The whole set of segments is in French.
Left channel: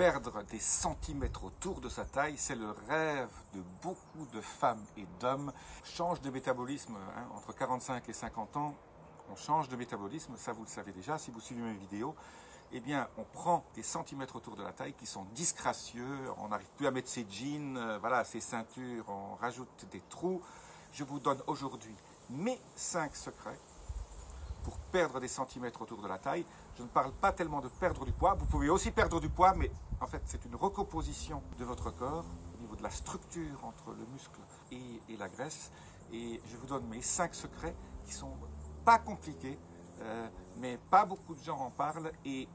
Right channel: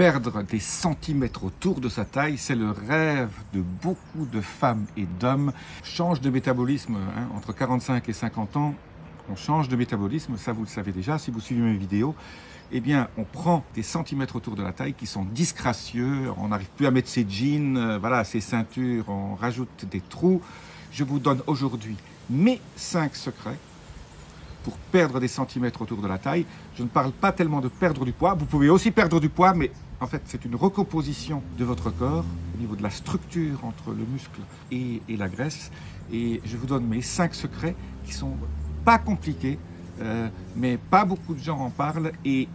Perdre des centimètres autour de sa taille, c'est le rêve de beaucoup de femmes et d'hommes. Change de métabolisme, entre 45 et 50 ans, on change de métabolisme, ça vous le savez déjà si vous suivez mes vidéos. Eh bien, on prend des centimètres autour de la taille qui sont disgracieux, on n'arrive plus à mettre ses jeans, voilà, ses ceintures, on rajoute des trous. Je vous donne aujourd'hui mes 5 secrets pour perdre des centimètres autour de la taille. Je ne parle pas tellement de perdre du poids, vous pouvez aussi perdre du poids, mais en fait c'est une recomposition de votre corps au niveau de la structure entre le muscle et la graisse. Et je vous donne mes 5 secrets qui sont pas compliqués, mais pas beaucoup de gens en parlent, et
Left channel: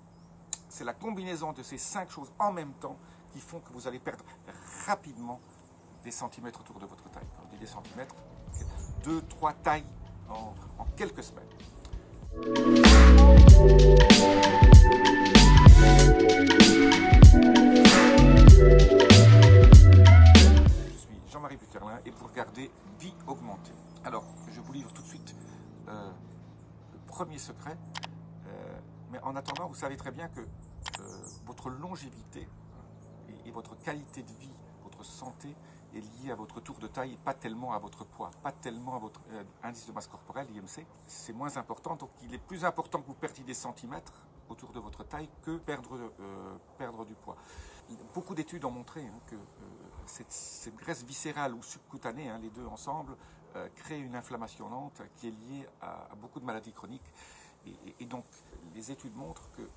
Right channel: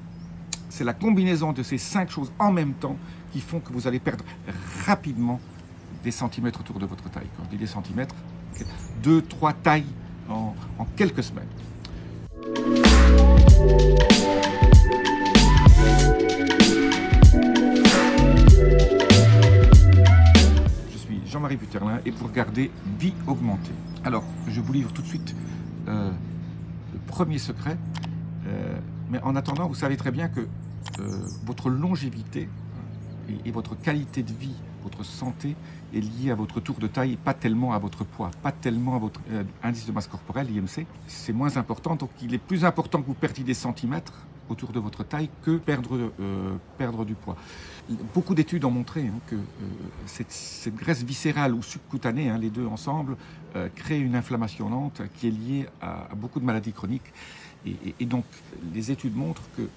c'est la combinaison de ces 5 choses en même temps qui font que vous allez perdre rapidement des centimètres autour de votre taille. Quand je dis des centimètres, 2-3 tailles en quelques semaines. Je suis Jean-Marie Buterlin et vous regardez Vie Augmentée. Alors, je vous livre tout de suite le premier secret, mais en attendant, vous savez très bien que votre longévité et votre qualité de vie, votre santé est liée à votre tour de taille et pas tellement à votre poids, pas tellement à votre indice de masse corporelle, IMC. C'est moins important, donc il est plus important que vous perdiez des centimètres autour de votre taille que perdre du poids. Beaucoup d'études ont montré que cette graisse viscérale ou subcutanée, les deux ensemble, crée une inflammation lente qui est liée à beaucoup de maladies chroniques. Et donc les études montrent que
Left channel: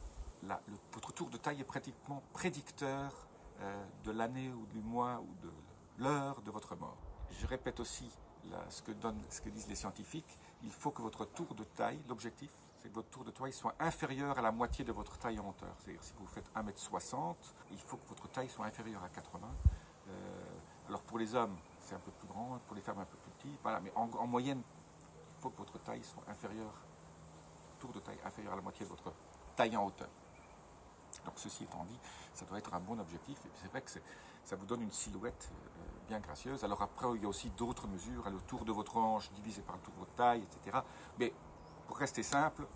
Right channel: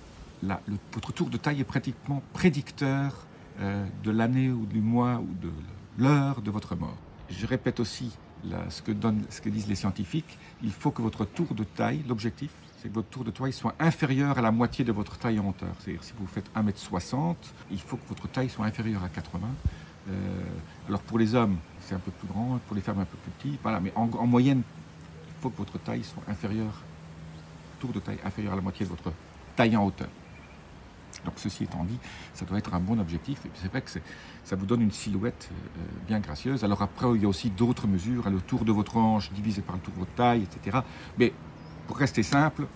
votre tour de taille est pratiquement prédicteur de l'année ou du mois ou de l'heure de votre mort. Je répète aussi ce que disent les scientifiques, il faut que votre tour de taille, l'objectif, c'est que votre tour de taille soit inférieur à la moitié de votre taille en hauteur. C'est-à-dire si vous faites 1m60, il faut que votre taille soit inférieure à 80. Alors pour les hommes, c'est un peu plus grand, pour les femmes un peu plus petit, voilà, mais en moyenne, il faut que votre taille soit inférieure, tour de taille inférieur à la moitié de votre taille en hauteur. Donc ceci étant dit, ça doit être un bon objectif, et c'est vrai que ça vous donne une silhouette bien gracieuse. Alors après, il y a aussi d'autres mesures, le tour de votre hanche divisé par le tour de votre taille, etc. Mais pour rester simple,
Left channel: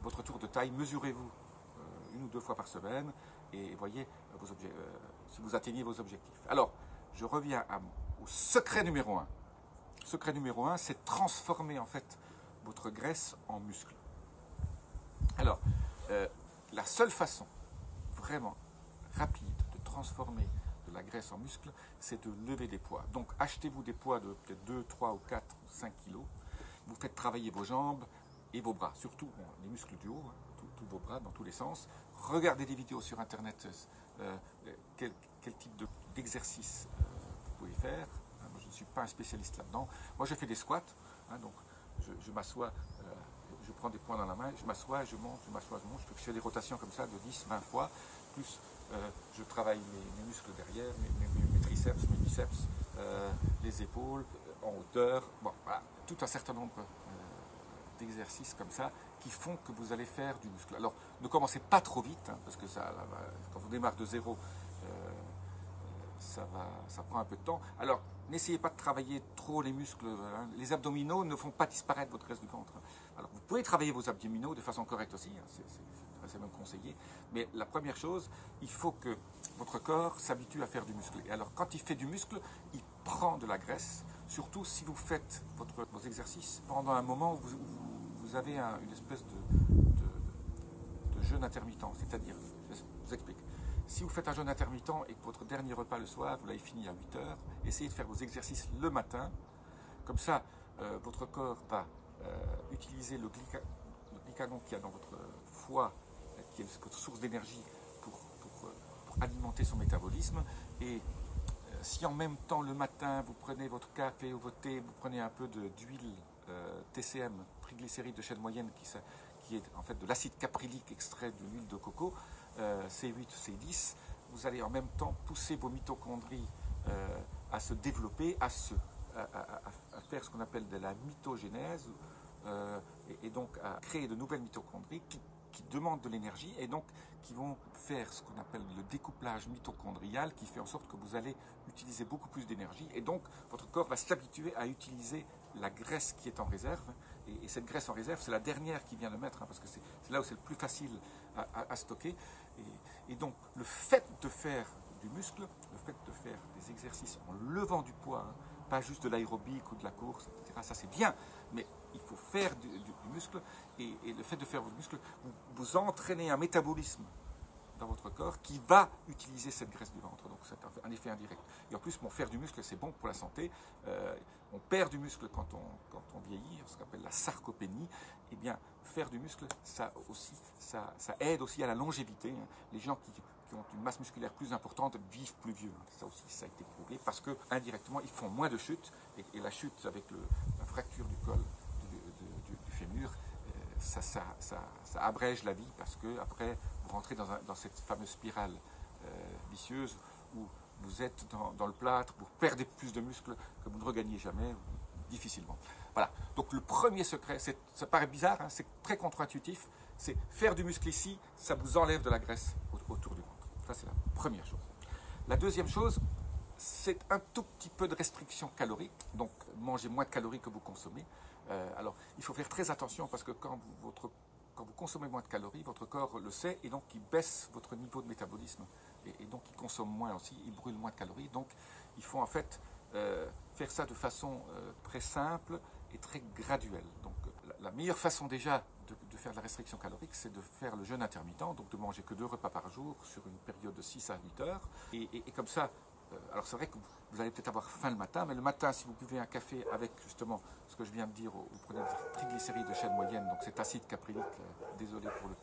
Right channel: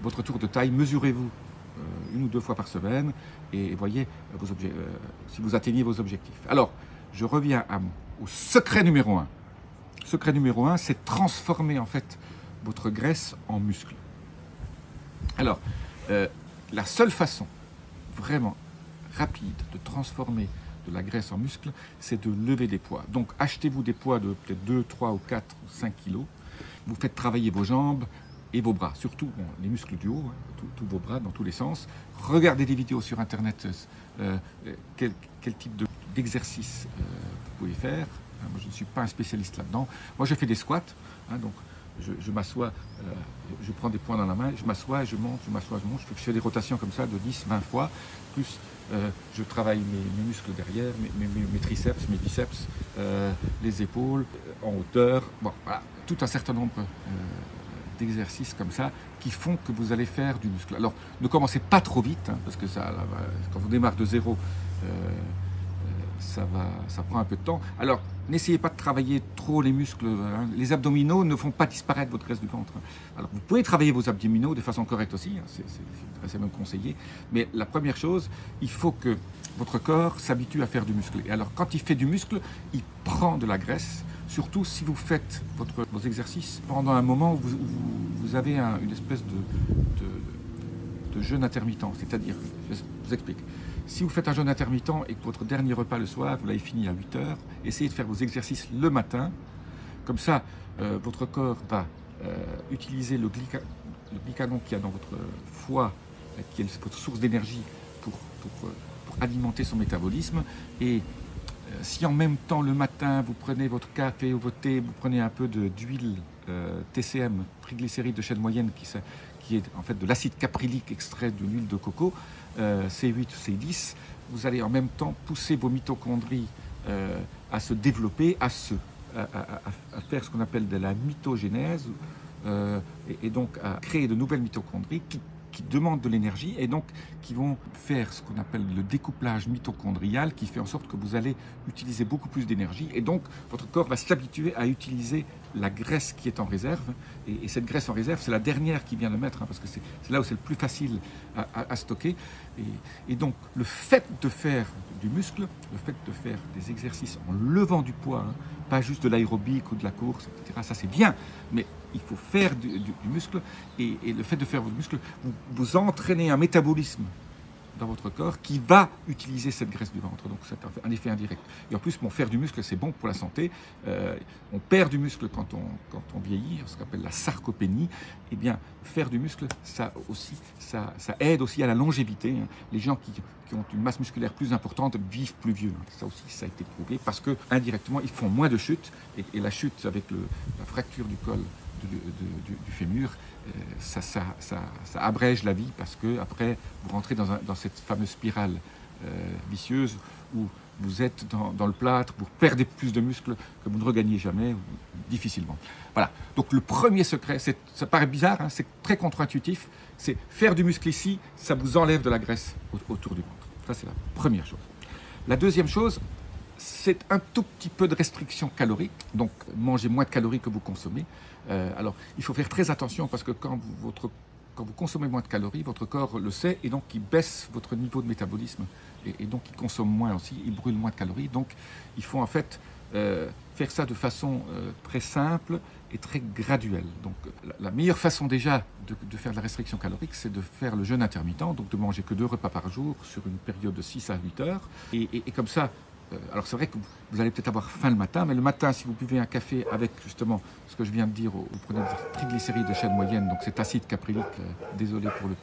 votre tour de taille, mesurez-vous 1 ou 2 fois par semaine, et voyez si vous atteignez vos objectifs. Alors, je reviens au secret numéro 1. Secret numéro 1, c'est transformer en fait votre graisse en muscle. Alors, la seule façon vraiment rapide de transformer de la graisse en muscle, c'est de lever des poids. Donc achetez-vous des poids de peut-être 2, 3 ou 4 ou 5 kilos. Vous faites travailler vos jambes et vos bras, surtout les muscles du haut, tous vos bras dans tous les sens. Regardez des vidéos sur internet, quel type d'exercice vous pouvez faire. Moi, je ne suis pas un spécialiste là-dedans. Moi, je fais des squats, donc je m'assois, je prends des poids dans la main, je m'assois, je monte, je m'assois, je monte. Je fais des rotations comme ça de 10, 20 fois. Plus je travaille mes muscles derrière, mes triceps, mes biceps, les épaules, en hauteur. Bon, voilà, tout un certain nombre d'exercices comme ça qui font que vous allez faire du muscle. Alors, ne commencez pas trop vite, parce que quand vous démarrez de zéro, ça prend un peu de temps. Alors, n'essayez pas de travailler trop les muscles. Les abdominaux ne font pas disparaître votre graisse du ventre. Alors, vous pouvez travailler vos abdominaux de façon correcte aussi, c'est même conseillé. Mais la première chose, il faut que votre corps s'habitue à faire du muscle. Et alors, quand il fait du muscle, il prend de la graisse, surtout si vous faites vos exercices pendant un moment où vous avez une espèce de jeûne intermittent. C'est-à-dire, je vous explique. Si vous faites un jeûne intermittent et que votre dernier repas le soir, vous l'avez fini à 8 h, essayez de faire vos exercices le matin. Comme ça, votre corps va utiliser le glycagon qu'il y a dans votre foie, qui est votre source d'énergie pour alimenter son métabolisme. Et si en même temps, le matin, vous prenez votre café ou votre thé, vous prenez un peu d'huile TCM, triglycérides de chaîne moyenne, qui est en fait de l'acide caprylique extrait de l'huile de coco, C8 ou C10, vous allez en même temps pousser vos mitochondries à se développer, à faire ce qu'on appelle de la mitogénèse, et donc à créer de nouvelles mitochondries qui demandent de l'énergie et donc qui vont faire ce qu'on appelle le découplage mitochondrial qui fait en sorte que vous allez utiliser beaucoup plus d'énergie et donc votre corps va s'habituer à utiliser la graisse qui est en réserve et cette graisse en réserve c'est la dernière qui vient de mettre parce que c'est là où c'est le plus facile à stocker et donc le fait de faire du muscle, le fait de faire des exercices en levant du poids, pas juste de l'aérobic ou de la course, etc. Ça c'est bien, mais il faut faire du muscle et le fait de faire du muscle, vous entraînez un métabolisme dans votre corps qui va utiliser cette graisse du ventre. Donc c'est un effet indirect. Et en plus, faire du muscle, c'est bon pour la santé. On perd du muscle quand on vieillit, ce qu'on appelle la sarcopénie. Eh bien, faire du muscle, ça aide aussi à la longévité. Les gens qui ont une masse musculaire plus importante vivent plus vieux. Ça aussi, ça a été prouvé parce que indirectement, ils font moins de chutes. Et la chute avec la fracture du col du fémur, ça abrège la vie parce que après vous rentrez dans cette fameuse spirale vicieuse où vous êtes dans le plâtre, vous perdez plus de muscles que vous ne regagnez jamais ou difficilement. Voilà. Donc le premier secret, ça paraît bizarre, c'est très contre-intuitif, c'est faire du muscle ici, ça vous enlève de la graisse autour du ventre. Ça c'est la première chose. La deuxième chose, c'est un tout petit peu de restriction calorique, donc mangez moins de calories que vous consommez. Alors, il faut faire très attention parce que quand vous consommez moins de calories, votre corps le sait et donc il baisse votre niveau de métabolisme et donc il consomme moins aussi, il brûle moins de calories. Donc, il faut en fait faire ça de façon très simple et très graduelle. Donc, la meilleure façon déjà de faire de la restriction calorique, c'est de faire le jeûne intermittent, donc de manger que 2 repas par jour sur une période de 6 à 8 heures. Et comme ça, alors c'est vrai que vous allez peut-être avoir faim le matin, mais le matin, si vous buvez un café avec justement ce que je viens de dire, vous prenez des triglycérides de chaîne moyenne, donc cet acide caprylique, désolé pour le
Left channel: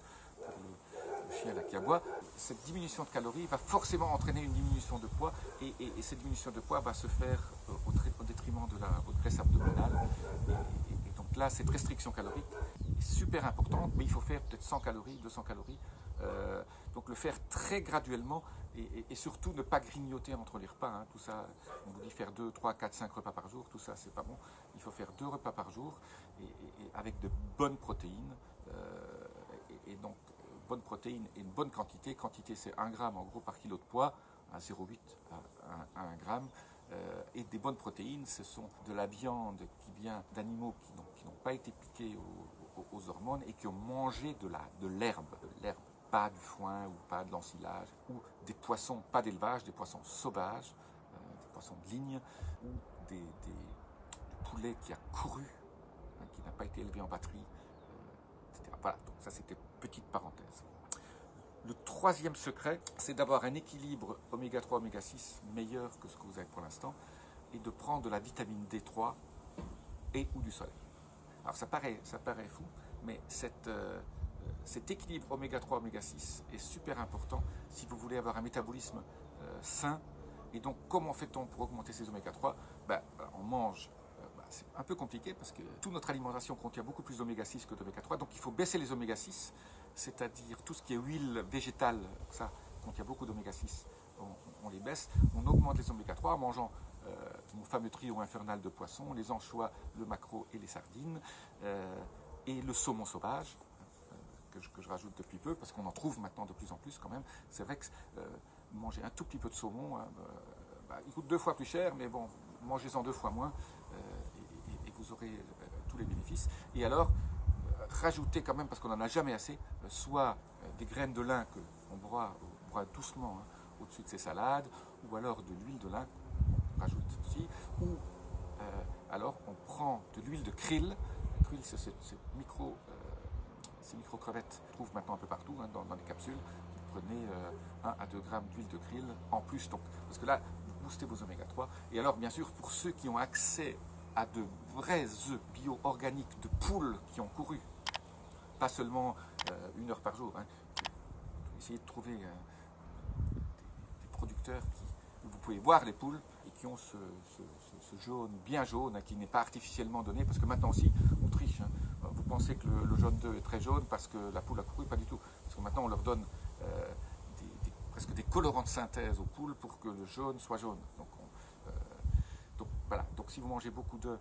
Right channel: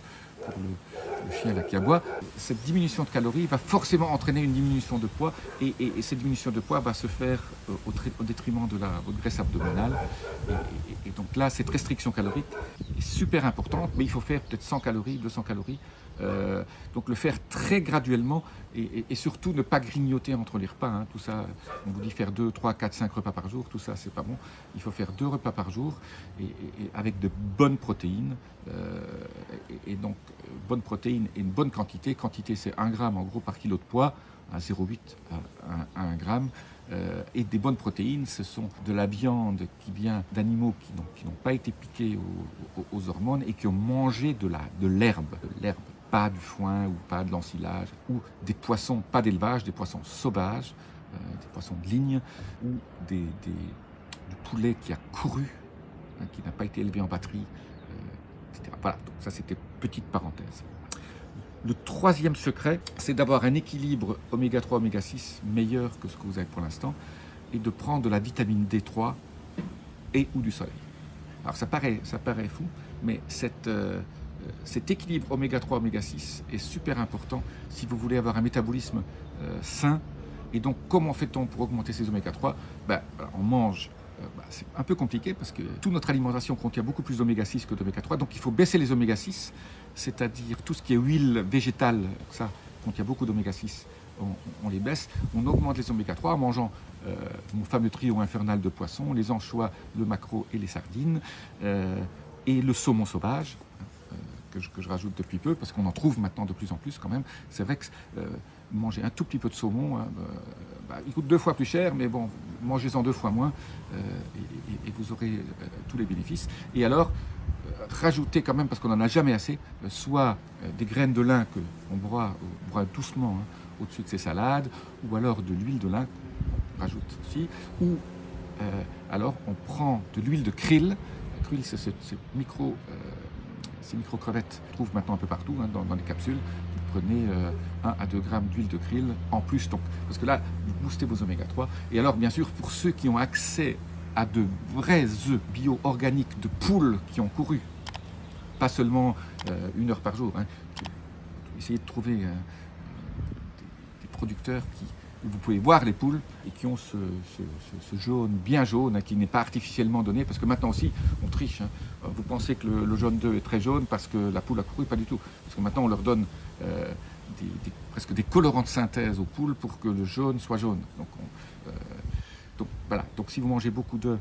chien là qui aboie, cette diminution de calories va forcément entraîner une diminution de poids et cette diminution de poids va se faire au détriment de votre graisse abdominale. Et donc là, cette restriction calorique est super importante, mais il faut faire peut-être 100 calories, 200 calories. Donc le faire très graduellement et surtout ne pas grignoter entre les repas. Tout ça, on vous dit faire 2, 3, 4, 5 repas par jour, tout ça c'est pas bon. Il faut faire 2 repas par jour et avec de bonnes protéines. Et donc bonnes protéines et une bonne quantité. Quantité c'est 1 gramme en gros par kilo de poids, à 0,8 à 1 gramme. Et des bonnes protéines, ce sont de la viande qui vient d'animaux qui n'ont pas été piqués aux hormones et qui ont mangé de l'herbe, pas du foin ou pas de l'ensilage, ou des poissons, pas d'élevage, des poissons sauvages, des poissons de ligne, ou du poulet qui a couru, qui n'a pas été élevé en batterie, etc. Voilà, donc ça c'était petite parenthèse. Le troisième secret, c'est d'avoir un équilibre oméga 3, oméga 6 meilleur que ce que vous avez pour l'instant et de prendre de la vitamine D3 et ou du soleil. Alors ça paraît fou, mais cet équilibre oméga 3, oméga 6 est super important si vous voulez avoir un métabolisme sain. Et donc comment fait-on pour augmenter ces oméga 3 ? On mange. C'est un peu compliqué parce que toute notre alimentation contient beaucoup plus d'oméga 6 que d'oméga 3, donc il faut baisser les oméga 6, c'est-à-dire tout ce qui est huile végétale, ça contient beaucoup d'oméga 6, on les baisse, on augmente les oméga 3 en mangeant mon fameux trio infernal de poissons, les anchois, le maquereau et les sardines, et le saumon sauvage, que je rajoute depuis peu, parce qu'on en trouve maintenant de plus en plus quand même. C'est vrai que manger un tout petit peu de saumon, il coûte 2 fois plus cher, mais bon, mangez-en 2 fois moins et vous aurez tous les bénéfices. Et alors, rajoutez quand même, parce qu'on n'en a jamais assez, soit des graines de lin qu'on broie doucement au-dessus de ces salades, ou alors de l'huile de lin qu'on rajoute aussi, ou alors on prend de l'huile de krill. Krill, c'est ces micro-crevettes qu'on trouve maintenant un peu partout dans les capsules. Vous prenez 1 à 2 grammes d'huile de krill en plus, donc, parce que là, vous boostez vos oméga 3. Et alors, bien sûr, pour ceux qui ont accès à de vrais œufs bio-organiques de poules qui ont couru, pas seulement 1 heure par jour, essayez de trouver des producteurs où vous pouvez voir les poules et qui ont ce jaune bien jaune qui n'est pas artificiellement donné, parce que maintenant aussi on triche. Vous pensez que le jaune d'œuf est très jaune parce que la poule a couru, pas du tout, parce que maintenant on leur donne presque des colorants de synthèse aux poules pour que le jaune soit jaune. Donc voilà, donc si vous mangez beaucoup d'œufs,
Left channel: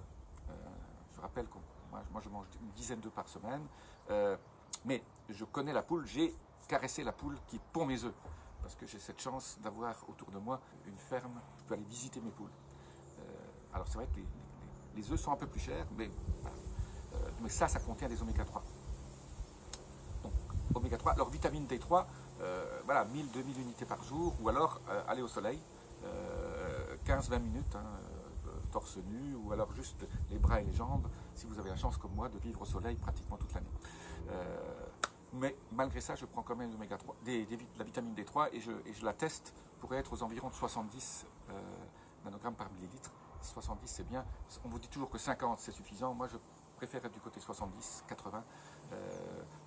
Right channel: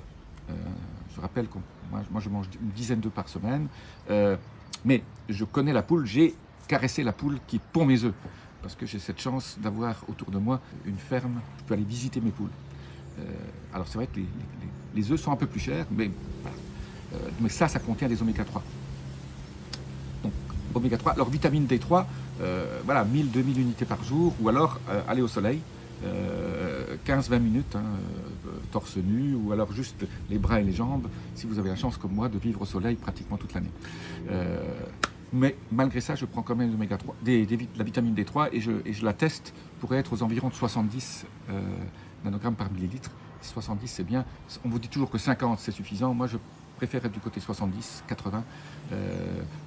je rappelle que moi je mange une dizaine d'œufs par semaine, Mais je connais la poule, j'ai caressé la poule qui pond mes œufs. Parce que j'ai cette chance d'avoir autour de moi une ferme, je peux aller visiter mes poules. Alors c'est vrai que les œufs sont un peu plus chers, mais, mais ça contient des oméga 3. Donc oméga 3, alors vitamine D3, voilà, 1000-2000 unités par jour, ou alors aller au soleil, 15-20 minutes, hein, torse nu, ou alors juste les bras et les jambes, si vous avez la chance comme moi de vivre au soleil pratiquement toute l'année. Mais malgré ça, je prends quand même l'oméga 3, la vitamine D3 et je la teste pour être aux environs de 70 nanogrammes par millilitre. 70, c'est bien. On vous dit toujours que 50, c'est suffisant. Moi, je préfère être du côté 70, 80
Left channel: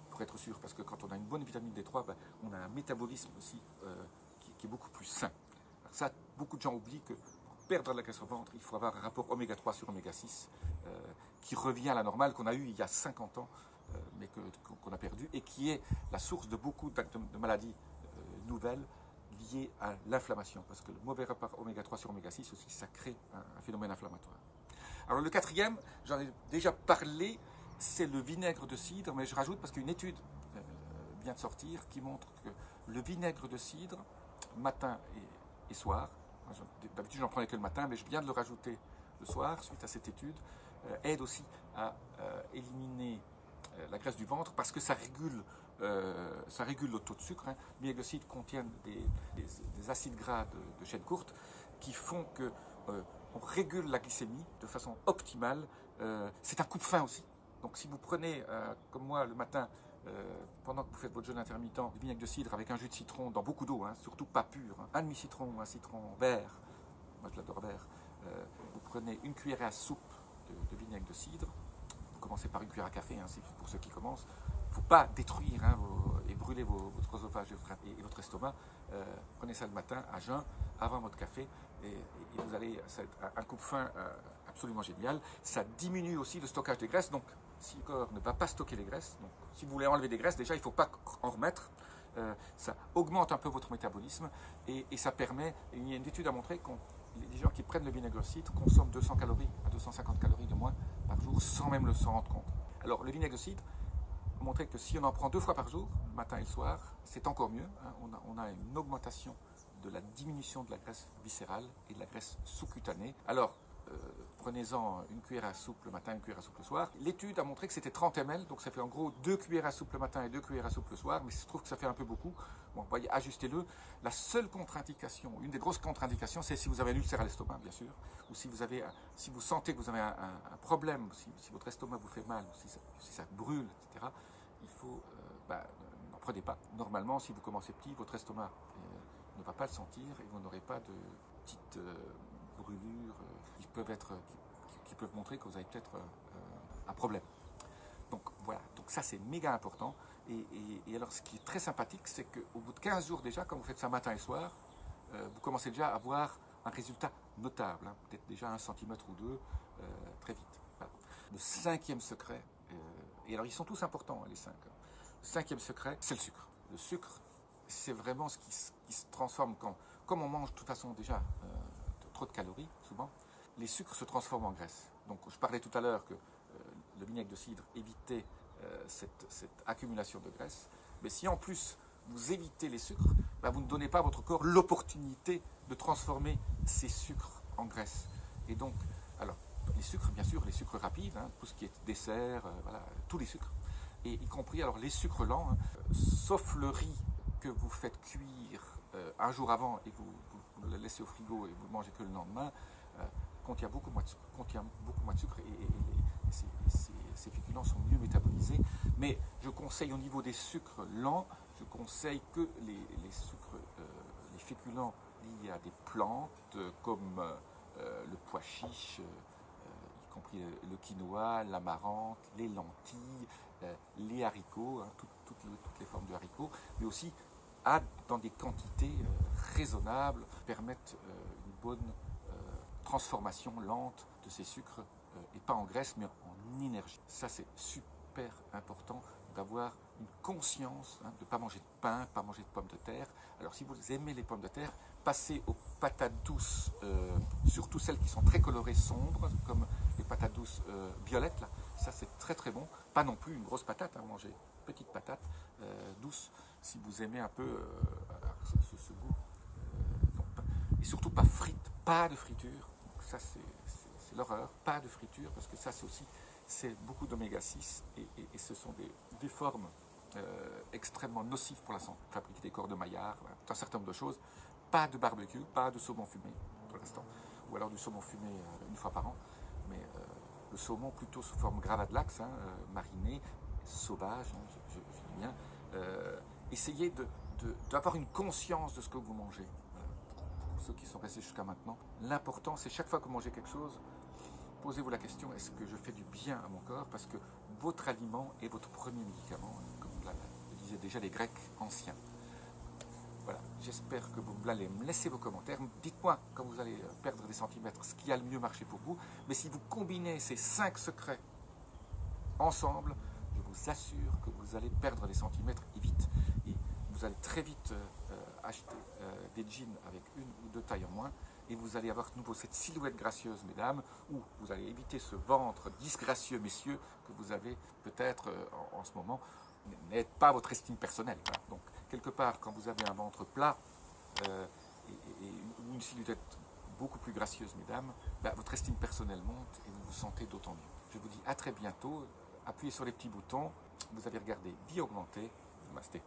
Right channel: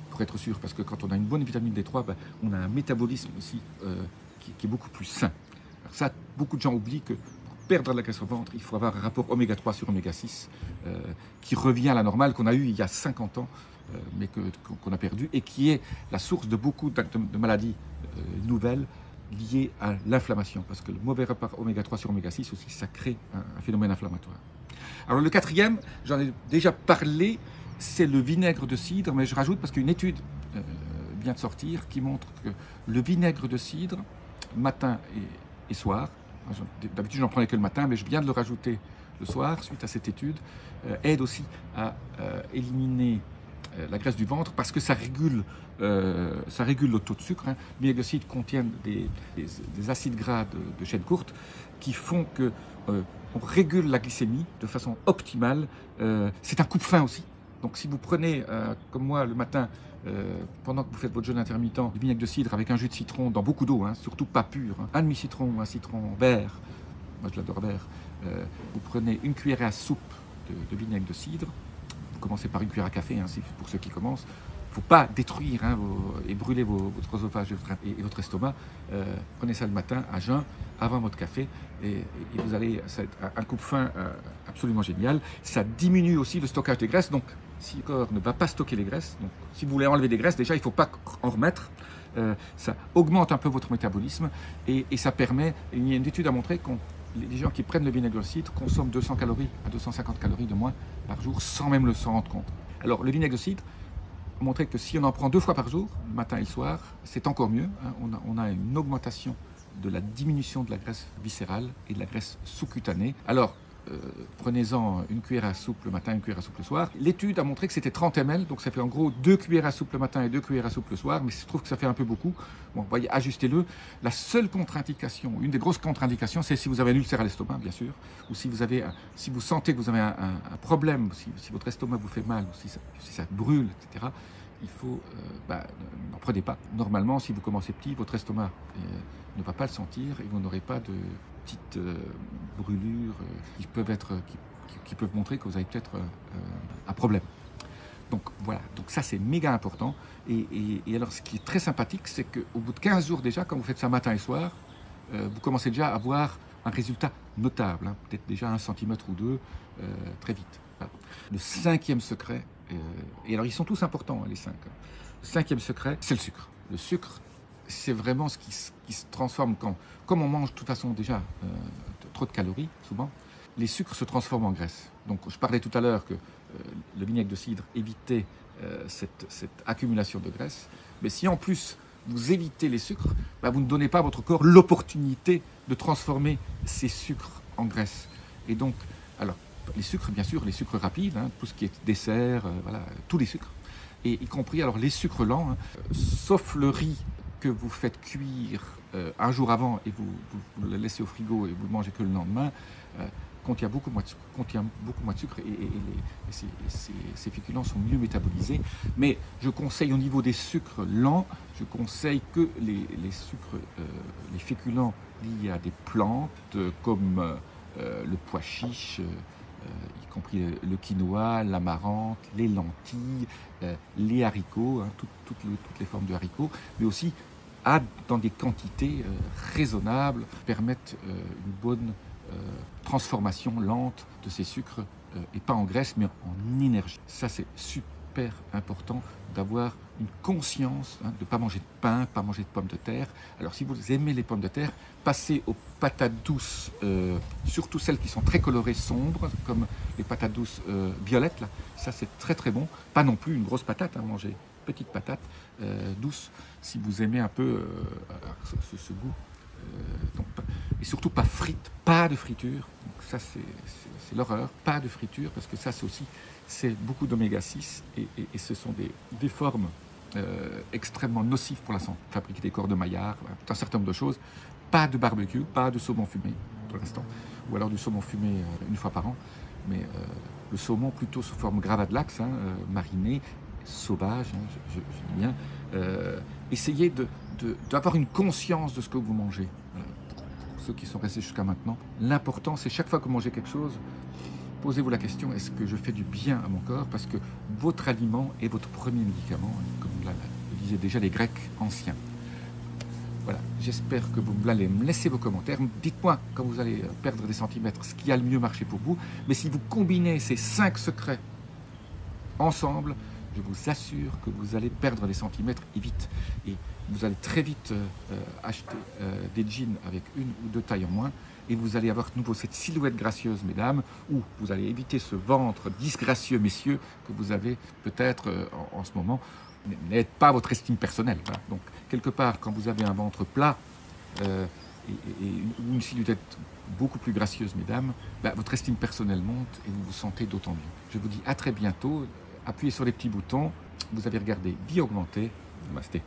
pour être sûr. Parce que quand on a une bonne vitamine D3, ben, on a un métabolisme aussi qui est beaucoup plus sain. Alors ça, beaucoup de gens oublient que pour perdre de la graisse au ventre, il faut avoir un rapport oméga 3 sur oméga 6 qui revient à la normale qu'on a eu il y a 50 ans. Mais qu'on a perdu et qui est la source de beaucoup de maladies nouvelles liées à l'inflammation. Parce que le mauvais rapport oméga 3 sur oméga 6 aussi, ça crée un phénomène inflammatoire. Alors le quatrième, j'en ai déjà parlé, c'est le vinaigre de cidre, mais je rajoute parce qu'une étude vient de sortir qui montre que le vinaigre de cidre, matin et soir, d'habitude j'en prenais que le matin, mais je viens de le rajouter le soir, suite à cette étude, aide aussi à éliminer la graisse du ventre parce que ça régule le taux de sucre. Hein. Le vinaigre de cidre contient des acides gras de chaîne courte qui font que on régule la glycémie de façon optimale. C'est un coupe-faim aussi. Donc si vous prenez, comme moi le matin, pendant que vous faites votre jeûne intermittent, du vinaigre de cidre avec un jus de citron dans beaucoup d'eau, hein, surtout pas pur, hein, un demi-citron ou un citron vert, moi je l'adore vert, vous prenez une cuillère à soupe de vinaigre de cidre. Vous commencez par une cuillère à café, hein, pour ceux qui commencent. Il ne faut pas détruire et brûler votre œsophage et votre estomac. Prenez ça le matin à jeun, avant votre café, et vous allez, ça va être un coupe-faim absolument génial. Ça diminue aussi le stockage des graisses, donc si le corps ne va pas stocker les graisses, donc si vous voulez enlever des graisses, déjà il ne faut pas en remettre. Ça augmente un peu votre métabolisme et ça permet, il y a une étude à montrer qu'on les gens qui prennent le vinaigre de cidre consomment 200 calories à 250 calories de moins par jour sans même le s'en rendre compte. Alors le vinaigre de cidre a montré que si on en prend 2 fois par jour, le matin et le soir, c'est encore mieux. Hein. On a une augmentation de la diminution de la graisse viscérale et de la graisse sous-cutanée. Alors prenez-en une cuillère à soupe le matin, une cuillère à soupe le soir. L'étude a montré que c'était 30 ml, donc ça fait en gros 2 cuillères à soupe le matin et 2 cuillères à soupe le soir, mais je trouve que ça fait un peu beaucoup. Bon, voyez, ajustez-le. La seule contre-indication, une des grosses contre-indications, c'est si vous avez un ulcère à l'estomac, bien sûr, ou si vous sentez que vous avez un problème, si votre estomac vous fait mal, ou si ça brûle, etc., il faut, n'en prenez pas. Normalement, si vous commencez petit, votre estomac ne va pas le sentir et vous n'aurez pas de petites brûlures qui peuvent montrer que vous avez peut-être un problème. Donc voilà, donc ça c'est méga important. Et alors ce qui est très sympathique, c'est qu'au bout de 15 jours déjà, quand vous faites ça matin et soir, vous commencez déjà à voir un résultat notable, hein, peut-être déjà 1 cm ou 2, très vite. Voilà. Le 5e secret, et alors ils sont tous importants, hein, les 5. Le 5e secret, c'est le sucre. Le sucre, c'est vraiment ce qui se transforme comme on mange de toute façon déjà trop de calories, souvent, les sucres se transforment en graisse. Donc je parlais tout à l'heure que le vinaigre de cidre évitait cette accumulation de graisse, mais si en plus vous évitez les sucres, vous ne donnez pas à votre corps l'opportunité de transformer ces sucres en graisse. Et donc, alors, les sucres, bien sûr, les sucres rapides, hein, tout ce qui est dessert, voilà, tous les sucres, et y compris alors les sucres lents, hein, sauf le riz que vous faites cuire un jour avant et vous le laissez au frigo et vous le mangez que le lendemain, contient beaucoup moins de sucre et ces féculents sont mieux métabolisés. Mais je conseille au niveau des sucres lents, je conseille que les sucres, les féculents liés à des plantes comme le pois chiche, y compris le quinoa, l'amarante, les lentilles, les haricots, hein, toutes les formes de haricots, mais aussi dans des quantités raisonnables, permettent une bonne transformation lente de ces sucres, et pas en graisse, mais en énergie. Ça, c'est super important d'avoir une conscience, hein, de ne pas manger de pain, pas manger de pommes de terre. Alors, si vous aimez les pommes de terre, passez aux patates douces, surtout celles qui sont très colorées, sombres, comme les patates douces violettes, là. Ça, c'est très très bon. Pas non plus une grosse patate, hein, manger petite patate douce, si vous aimez un peu ce goût. Donc, et surtout pas frites, pas de friture. Donc ça, c'est l'horreur. Pas de friture, parce que ça, c'est beaucoup d'oméga 6 et ce sont des formes extrêmement nocives pour la santé. Fabriquer des corps de maillard, voilà, un certain nombre de choses. Pas de barbecue, pas de saumon fumé pour l'instant, ou alors du saumon fumé une fois par an, mais le saumon plutôt sous forme gravlax, mariné, sauvage, je dis bien. Essayez d'avoir une conscience de ce que vous mangez. Pour ceux qui sont restés jusqu'à maintenant, l'important c'est chaque fois que vous mangez quelque chose, posez-vous la question, est-ce que je fais du bien à mon corps? Parce que votre aliment est votre premier médicament, comme le disaient déjà les Grecs anciens. Voilà, j'espère que vous allez me laisser vos commentaires. Dites-moi quand vous allez perdre des centimètres ce qui a le mieux marché pour vous. Mais si vous combinez ces 5 secrets ensemble, je vous assure que vous allez perdre des centimètres et vite. Et vous allez très vite acheter des jeans avec 1 ou 2 tailles en moins. Et vous allez avoir de nouveau cette silhouette gracieuse, mesdames, ou vous allez éviter ce ventre disgracieux, messieurs, que vous avez peut-être en ce moment. N'aide pas votre estime personnelle. Voilà. Donc, quelque part, quand vous avez un ventre plat et une silhouette beaucoup plus gracieuse, mesdames, votre estime personnelle monte et vous vous sentez d'autant mieux. Je vous dis à très bientôt. Appuyez sur les petits boutons. Vous avez regardé Vie Augmentée. Namasté.